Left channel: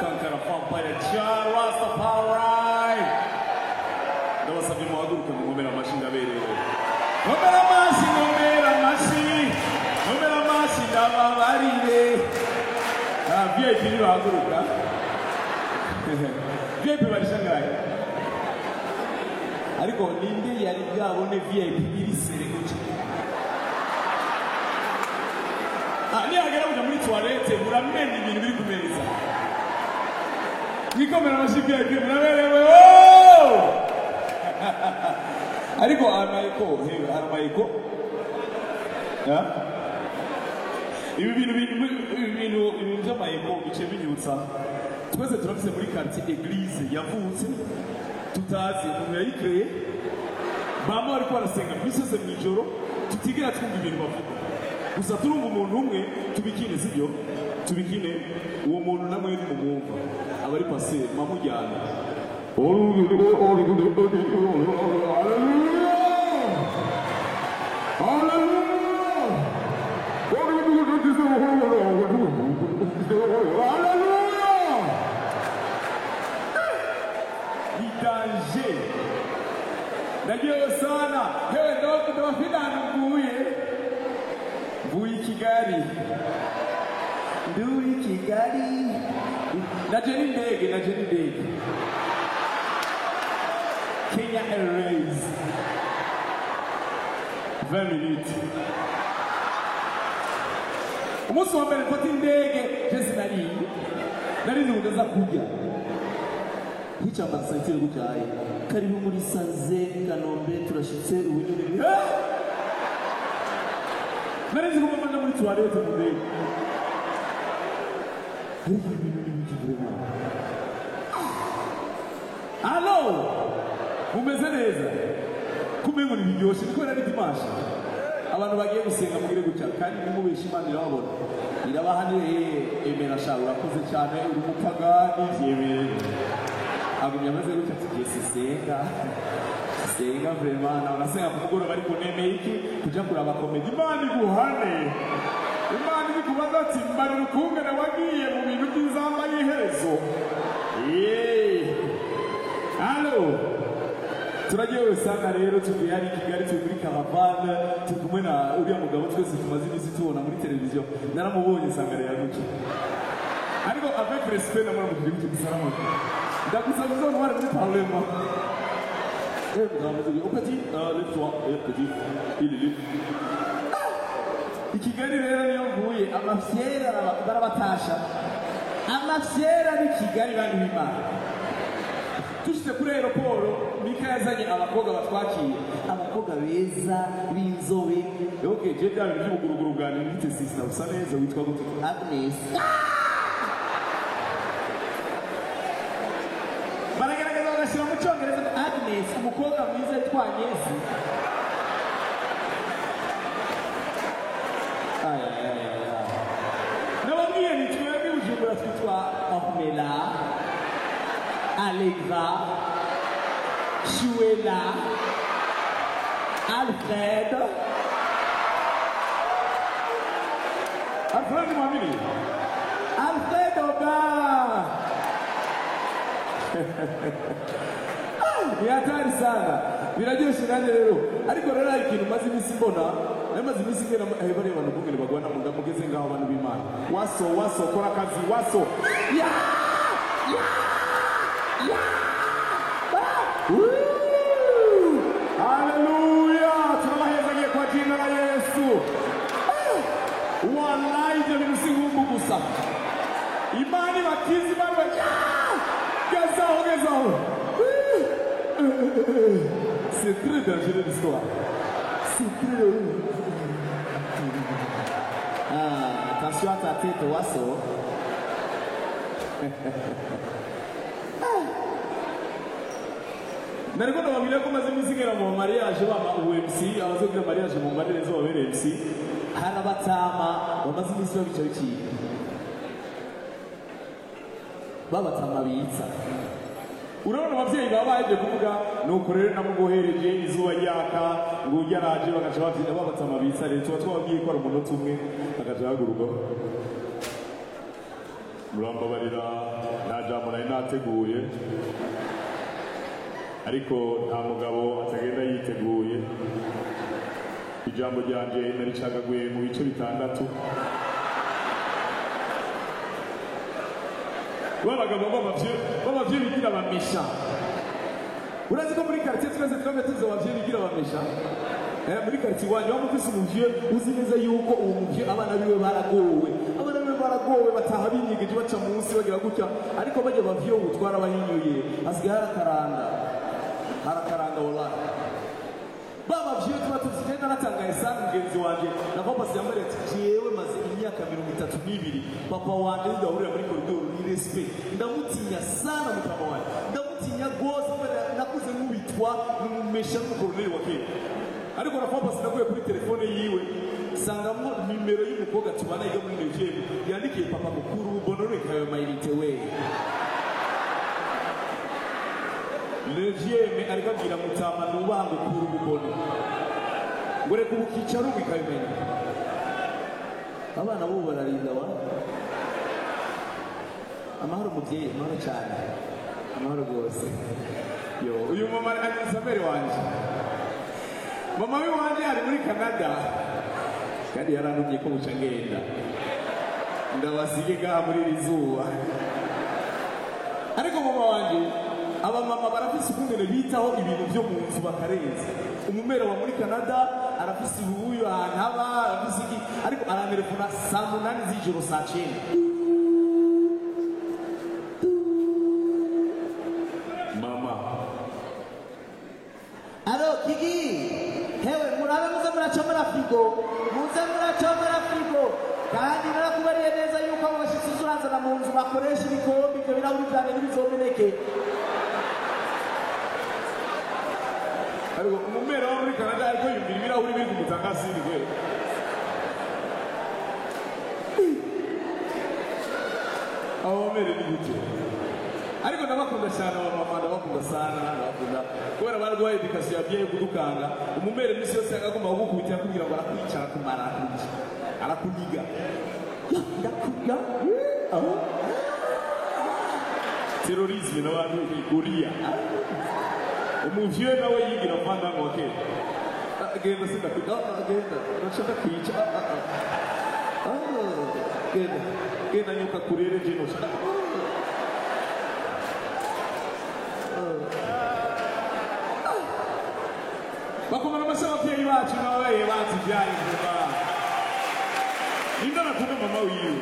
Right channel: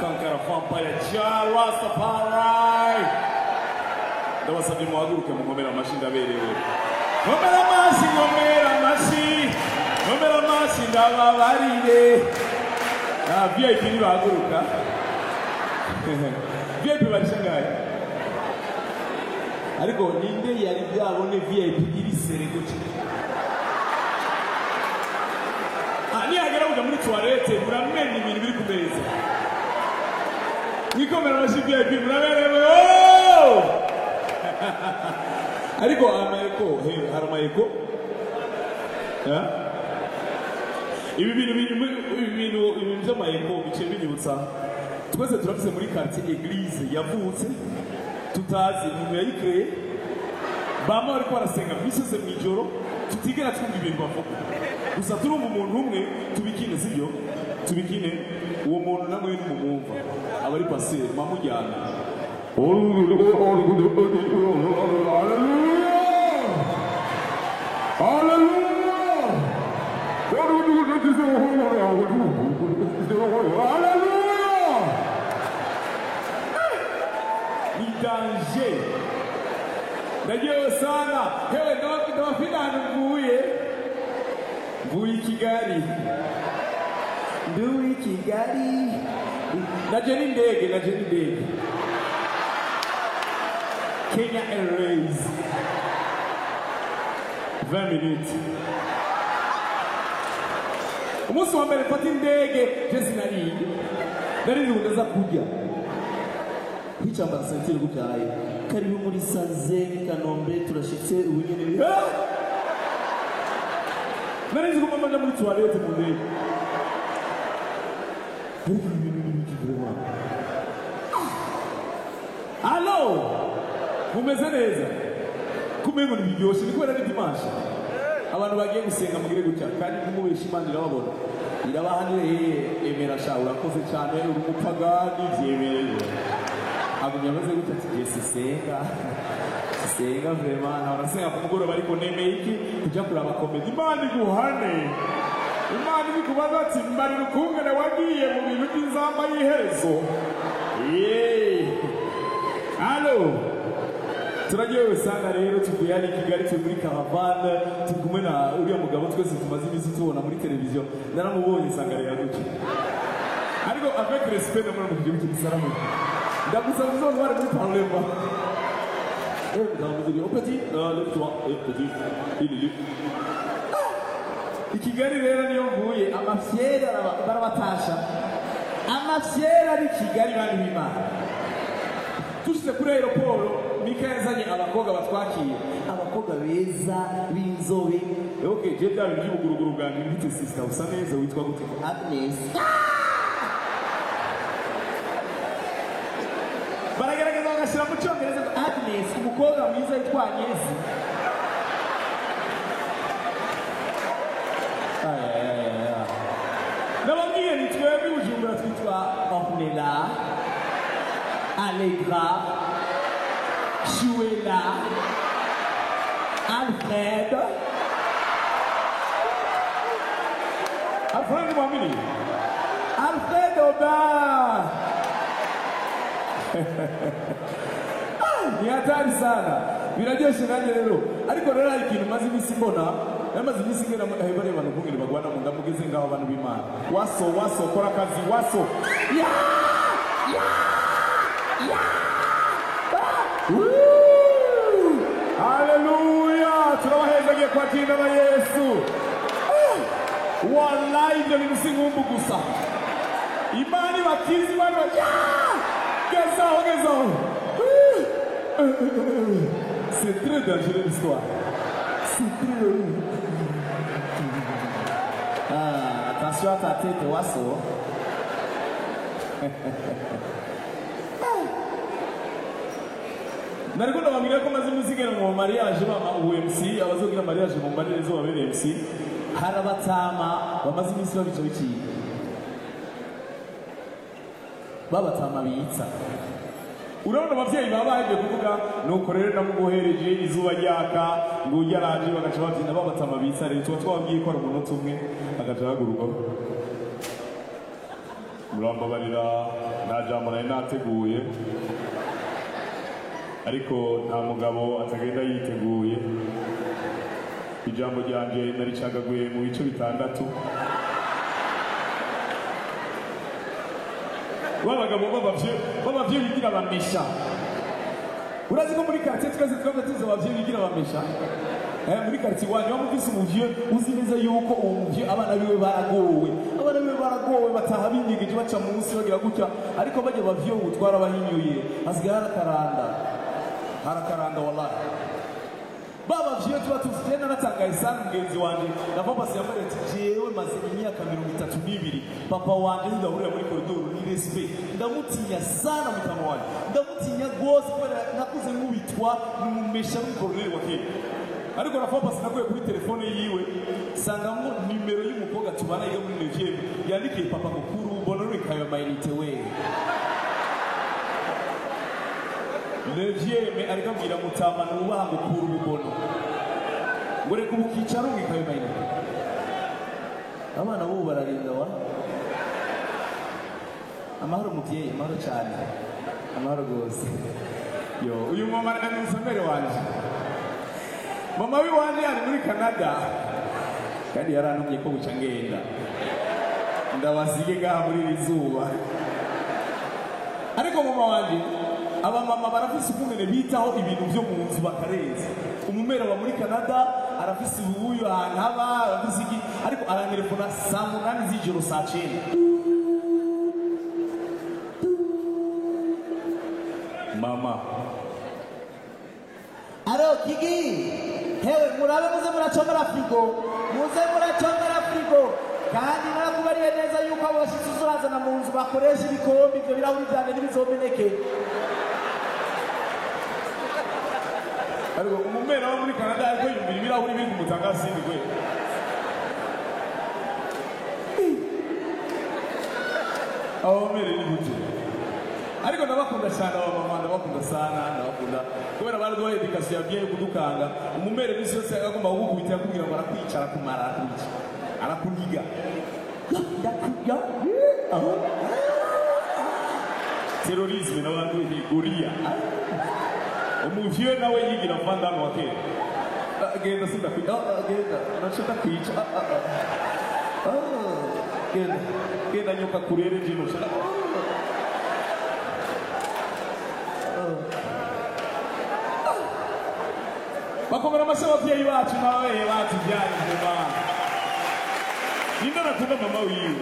Kankara Vampire Jah Rastafari. Ndabasabye muhaguruke mu nkomera amashi ndaberewe. Nkomera amashi ndababarire. VIP ni bahaguruka. VIP barishangaye. Ariko ninde yari bwabone VIP iri sere gutya? Niyagera kuja muri toilette muramenya ibintu biri ku meza. Nikomera amashi VIP muraberewe. Ariko amayeko, aramayeko. Ibi bintu by'amayeko bice binyibutsa. Twese turafise muri quartier église yavutse tutazi umuntu yayikreye. Bama bariko barasenga misose mwijoro tutigera twumva ibintu bavuga. Gusa turumva umuntu umwe tubikine sibyo? Tubikine uwo muntu namwe ni mumwumva. Abari passer mamujyana. Ni danger. Ndagiye sana. Hewe ndabafite ahantu mvuye Kigali. Nduye Kigali. Naje n'indege. Kenya Airways. 20 minutes. Umunsi wa mbere mfata indege je nari ndaza kujya. Hichamba sentire gutyaye. Karibu muri Saze Kanombe turashitse ubunyene. Nari nzi kumama muri toilette mu ndege. Allo! Mumeze neza? Kumengo nibiryoshye niko ari dimanche. Abantu bagiye gusenga mugire gutya kandi nimubesha Imana irababona. Irabahanire emera sha urakoze cyane uri umupagani byebeye. Agumya ameze gutya ati senga vraiment na urasenga ku mugoroba ariko nemeye iki kujya kuraba comedy Imana iguhane. Imana ikubaza ati mbari rukungana wagiye mu bintu by'inzamba y'iherezo. Allo turagiye usanga rero tuvuye hano Kigali turi muri caravane turi kumwe na uriya mugabo twese tumaze iminsi tubona muri televiziyo naramubonye sanga rero guca ariko avec respect namwe mu gihugu cy'Isaramo ndagusaba zone wari muri parlement au petit lève-toi petit il Kigali rero niyo mvuye amafyera barabatasha amafyera ari Kigali bandi b'Imana. Tushyize kuri aeroport Mika yazanye abakobwa batwakiye abakobwa beza b'inzobe. Okay, je bya bintu by'ubuguruguru bwanjye ndite sister usa neza witwa gute ko Agnes. Baragaragaza bagashyira mu cyongereza ko Agnes umukobwa mwiza yitwa Agnes. Nababwiye ni twebwe Bujumbura twitwa Ornella, Allegra, Shuela, Alfred mwamini? Alfred Oba. Ni hatari sana. Biraryoshe nanjye rero. Ariko rero hari ikintu maze iminsi mbona. Namaze iminsi ngena bari abantu kungene bagwana mu ndamugeze ngaho abantu b'Imana. Waso kora kazi waso. Hallelujah! Turabahezanye kwa jina la Yesu. Wallahi ibyo bintu si nk'umbu gusa. Imana bakizi Imana gezaho. C'est très dangereux l'histoire. C'est très attention à ta tête, Wasso. Nariko ndababwira ko maze imizigera mu mariage bama UMC abazogira mariage mu mariage zo babere MC harabatama bamaze imisi babica biki babatama bitsa. Urabona abavyeyi babaje kuvuga nuko rero namugohereje izuba ryaka ngo yaraje bagaca bavyina babatama bitsa rero tuba twababwiye ko ari umunota umwe agaca haguruka murambabarira nta jambo nari nateguye ariko nta mugabo atagenda yiteguye ijambo ryanje naricagaguye mu bice bitandatu babagabo babavye bigira bamesha urazi ko muri quartier twese twamwe tuzo bavye bigira bamesha muri quartier wanyu wamufise umuvye uzi neza yuko uwo muvye abana biwe baragowe bataha binyegeje baca munsi bagira gutya ariko bajya bavye ubutwara bahinyuye asigaye harakaranga wallahi baba vyo tuba tuzite naratangaye sana mugenzi wanje na papa siyambare ati jewe maze imyaka 32 papa wanje ndahurira muri koridoro ni respect ndamutinya sana mutama wanje ndamutinya gose kubera nakuze nkubitwa numumesha mu koridoro wa Kenya ariko na papa sinakuye kuri telefone yiwe sangamo nimero y'umukobwa tubana yiga muri Nigeria yandikiye papa mukuru bonore kayo mayinite we Levieme arikabwira mutama nubaha ngo kura ububono ngo reka ubukicara ubikabimayina abana bo bararinda wa amahoro muvyeyi amahoro cyane amahoro gose yo uyu mama anisomere wanje mama wi wanje ari muri Canada kandi yarantumye ko buca ngenda ndabasige gaha muri rizuba ariko mama wanje abamama barafise ukungene bitaho ibintu byo mu nzu bakareza umumera wa muri Canada arafise ubuyo ahantu haba arafise iki ariko arantelefona saa 8 z'ijoro saa 9 mama aro kiki hewe murabe muze muracomera frigo kandi narakubariye neza yuko abo bashitsi uzurazana mu nzu bakoresha ibikombe ibyo birahuri byanjye n'ibizomeneke ariko umumera wo muri Canada ariko yumbira ibirahuri biri kumutanga sindi gwe abamere ni gute ariko ndabakunda cyane abamama ndabakunda sana ndabakunda kubera baraduhaye education ya bien yo kudukanga umumere misi yose agomba kugukubitira kugira ngo arakwicara kumara arakuniga ndakuya terrorisme n'abantu goria umuvye nawe yigira vandano wake agenda sinda agenda nashaka kwica genda nyoka kurere jino shaka bakomera amasha abavyeyi bacu nawe batujyanye vuba ninda nakunda mama wiwe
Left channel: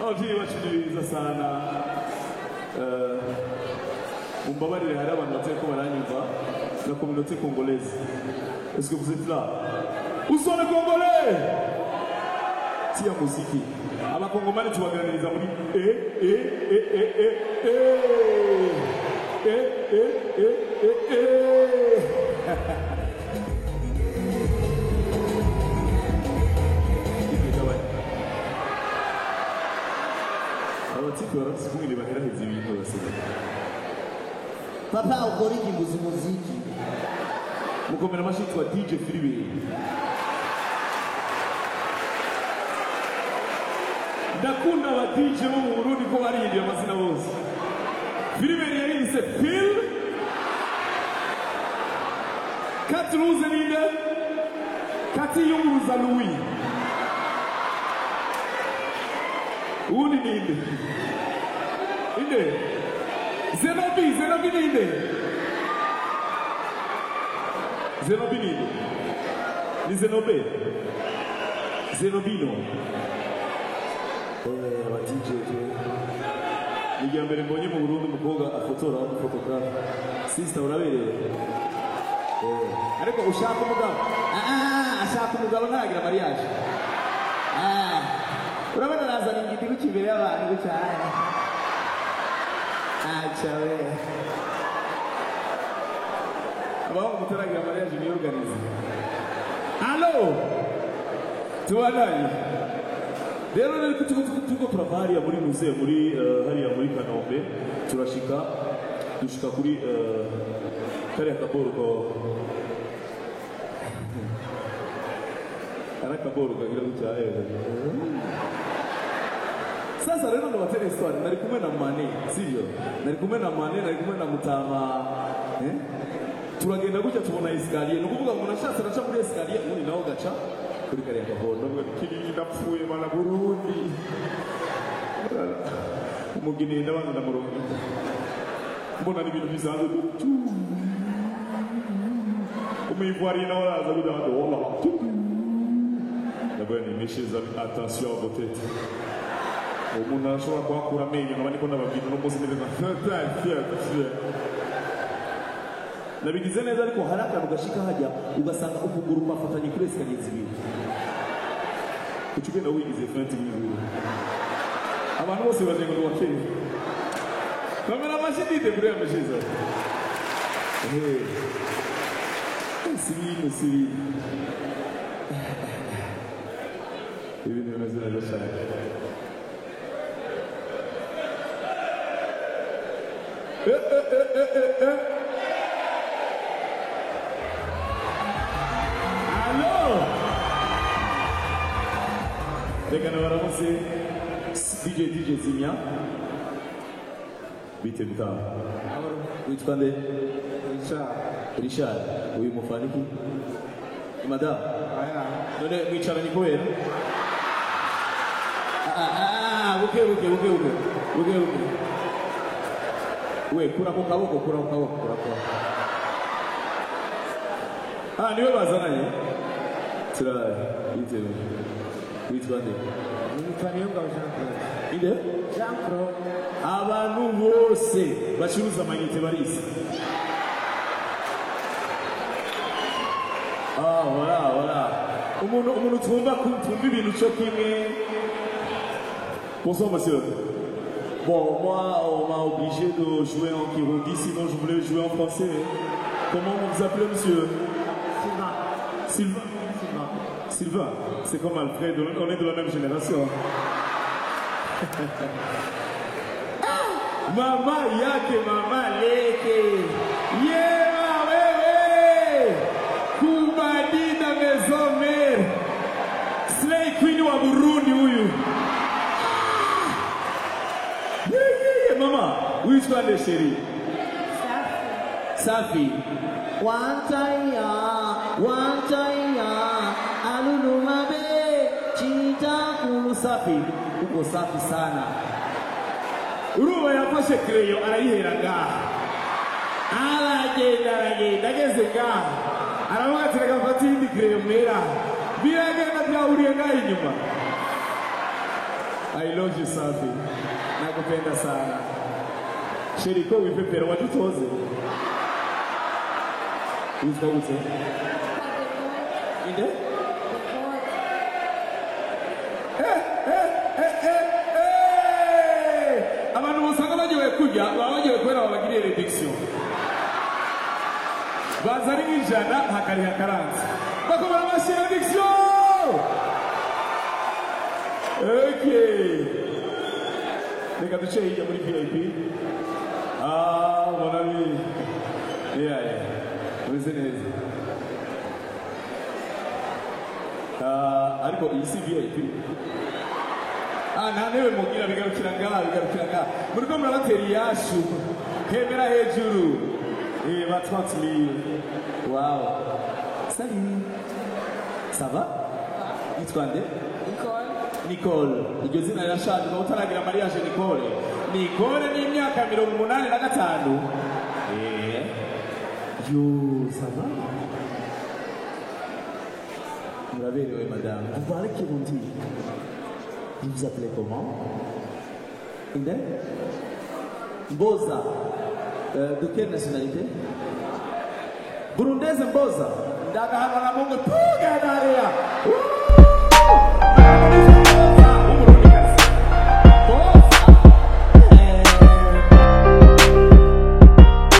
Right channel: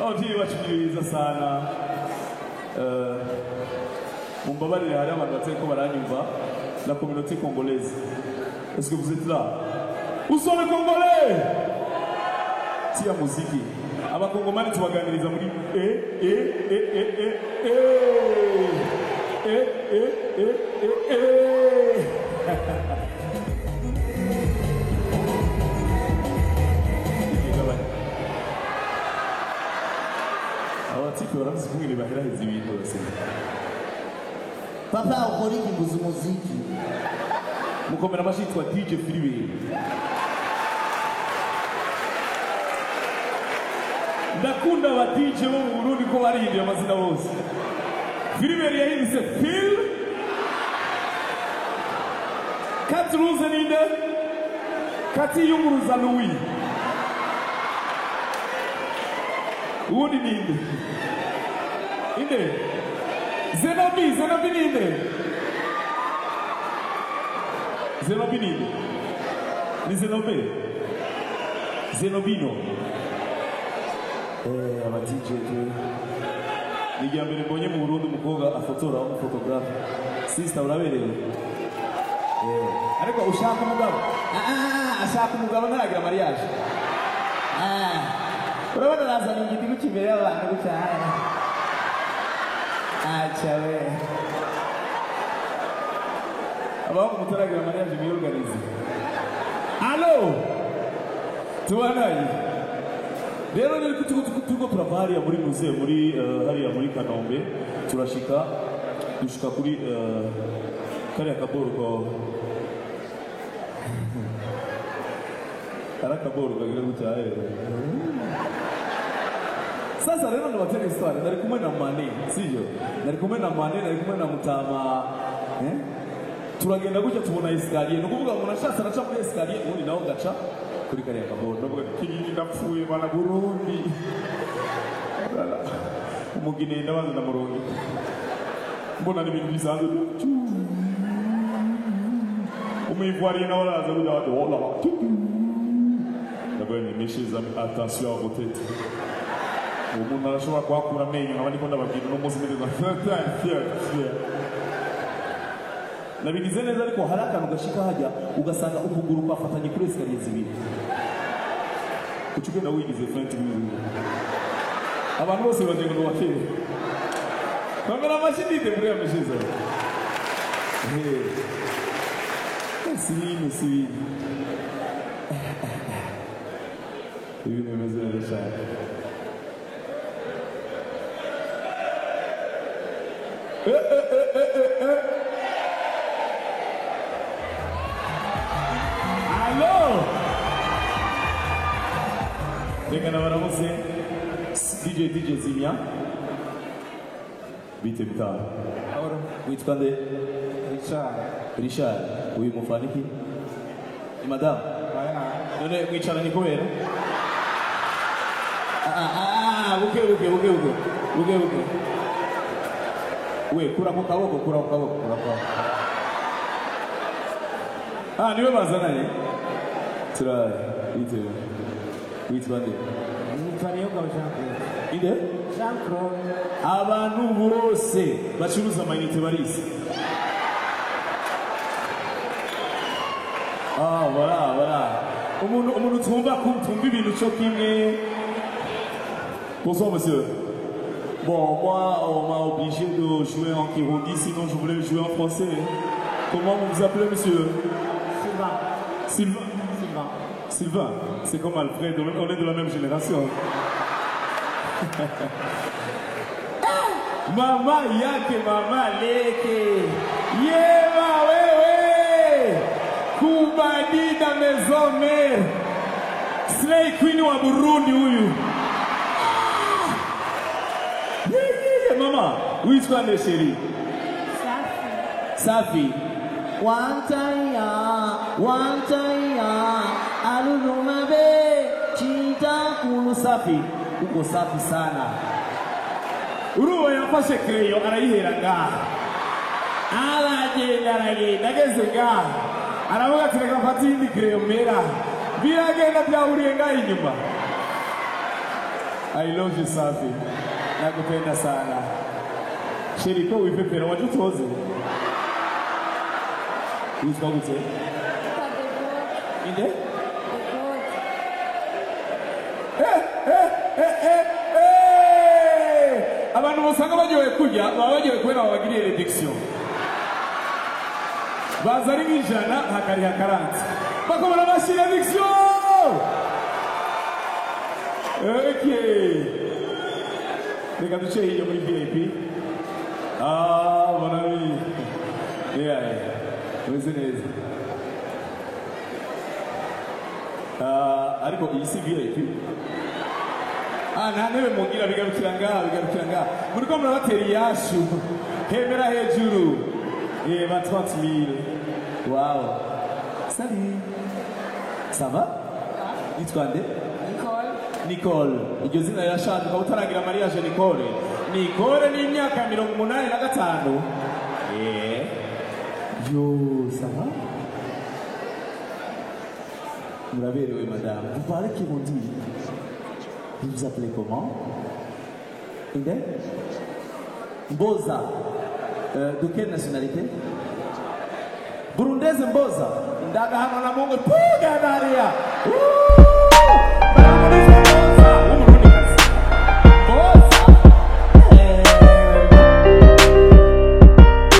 abavyeyi bacu ni beza sana mumbabarire hari abantu batari ko baranyumva la communauté congolaise est-ce que vous êtes là où sont les congolais tia muziki abakongomani tubaganiriza muri abatipe barafise kumwe baherahiza ibintu basema papa ukora iki mbuzi muziki mukomera amashi yitwa DJ Philibert ndakunda aba DJ bo mu Burundi ko barihinduye amazina bose Philibert yahindutse Phil Katruze ninde Kati yunguruza Louis uwundi ninde inde Zenobi ninde ni Zenobino aba DJ ni rya mbere mbonye mu Burundi umukobwa afotora umufotografe sister uraberewe ariko ushaka umugabo ashaka umugabo ntaragira mariage urabona nazana ingiti gukibere y'abantu gucyaya acha we abahungu mutaragira mariage miyorganize allo tubanaye rero niko tuko turavariya muri muze muri hariya muri Kanombe dushika kuri kariya kaboro ko arakaboro kagira gucyaheza Sasa rero ndabatera histoire nari kumwe na Mane sivyo nari kumwe na Mane nari kumwe na Mutama turagenda gutya tubona escalier nukuvuga umuntu ashatse araca muri escalier ubundi nawo gaca kuri kariya kabondo ndavuga kinyi ndapfuye bana Burundi Olala umugine ndabanza ndamurongo mbona n'ibintu bisanzwe umuyivwariye nawe araza kuja bati olala ndavuga ni meshes attention à vos têtes umuntu arashobora kuhakura amenyo nkaba niko ndababwira uno munsi neza nabigize neza ariko hari akantu gashika hajya ugasanga ukuguru kwafatanye kuri escalier zibiri kucugenda wigize fenti bizuba abantu bose bajenga ndo wakere kamera mashindite buriya mishiza sibintu ibintu bimeze neza cyane Allo reka nabaramutse DJ Zimia bite bitamu witwa nde Richard uyu mufaniki ni madam none mwicaranye kubera buke we kura ku kaboko niwe bazananye turaye bitewe witwa nde Nitwa Niyongabo Jean Claude. inde Jean Claude. abantu bose bacuruza amayinite barisi voilà umuntu tumva ibintu cyo kimwe. Bonsoir monsieur. Bon, moi, on m'a obligé de jouer en Kirundi, sinon je voulais jouer en français. Comment vous vous appelez, monsieur? Sylvain, c'est comme Alfred, on est de la même génération. Mama yake, mama leke. Yema wewe. Kubadida maison mère. Slay Queen wa Burundi huyu. Mama, which one is Sherry? Safi. One time, alulumabe, chita kulu Safi. Uko Safi sana. Uruwa yafashe kreyo arayihera ngaha. Aragenda ageze ngaha. Aravuga ati reka mfate indi kreyo mera. Biragenda byahuriye ngaha inyuma. I love you Safi. Nakupenda sana. Sheri ko wipepera wajutoze. Witwa gute? Inde? Abantu musanga bagiye kurya, bagiye kwera babagiriye reduction. Bazari nk'ijana hakari hakaranze. Bakomara bashira reduction. Okay. Reka duce hirya muri VIP. Mon ami. Meze neza. Ariko iyi si VIP. Nta ntebe mugira bigarukira ngaha. Muri ko murabatera iyashu. Hemera hejuru. Ba 30,000. Wow. Salut. Ça va? Yitwa nde? Nicole. Iryo zina rirashaje ukaba utaragira mariage Nicole. Nicole ni imyaka 85. Yo, ça va? Muraberewe madame. Vous parlez Kirundi? Vous vous appelez comment? Inde? Mboza. De quelle nationalité? Burundaise Mboza. Ndaga hano na Mungu. Puga daria.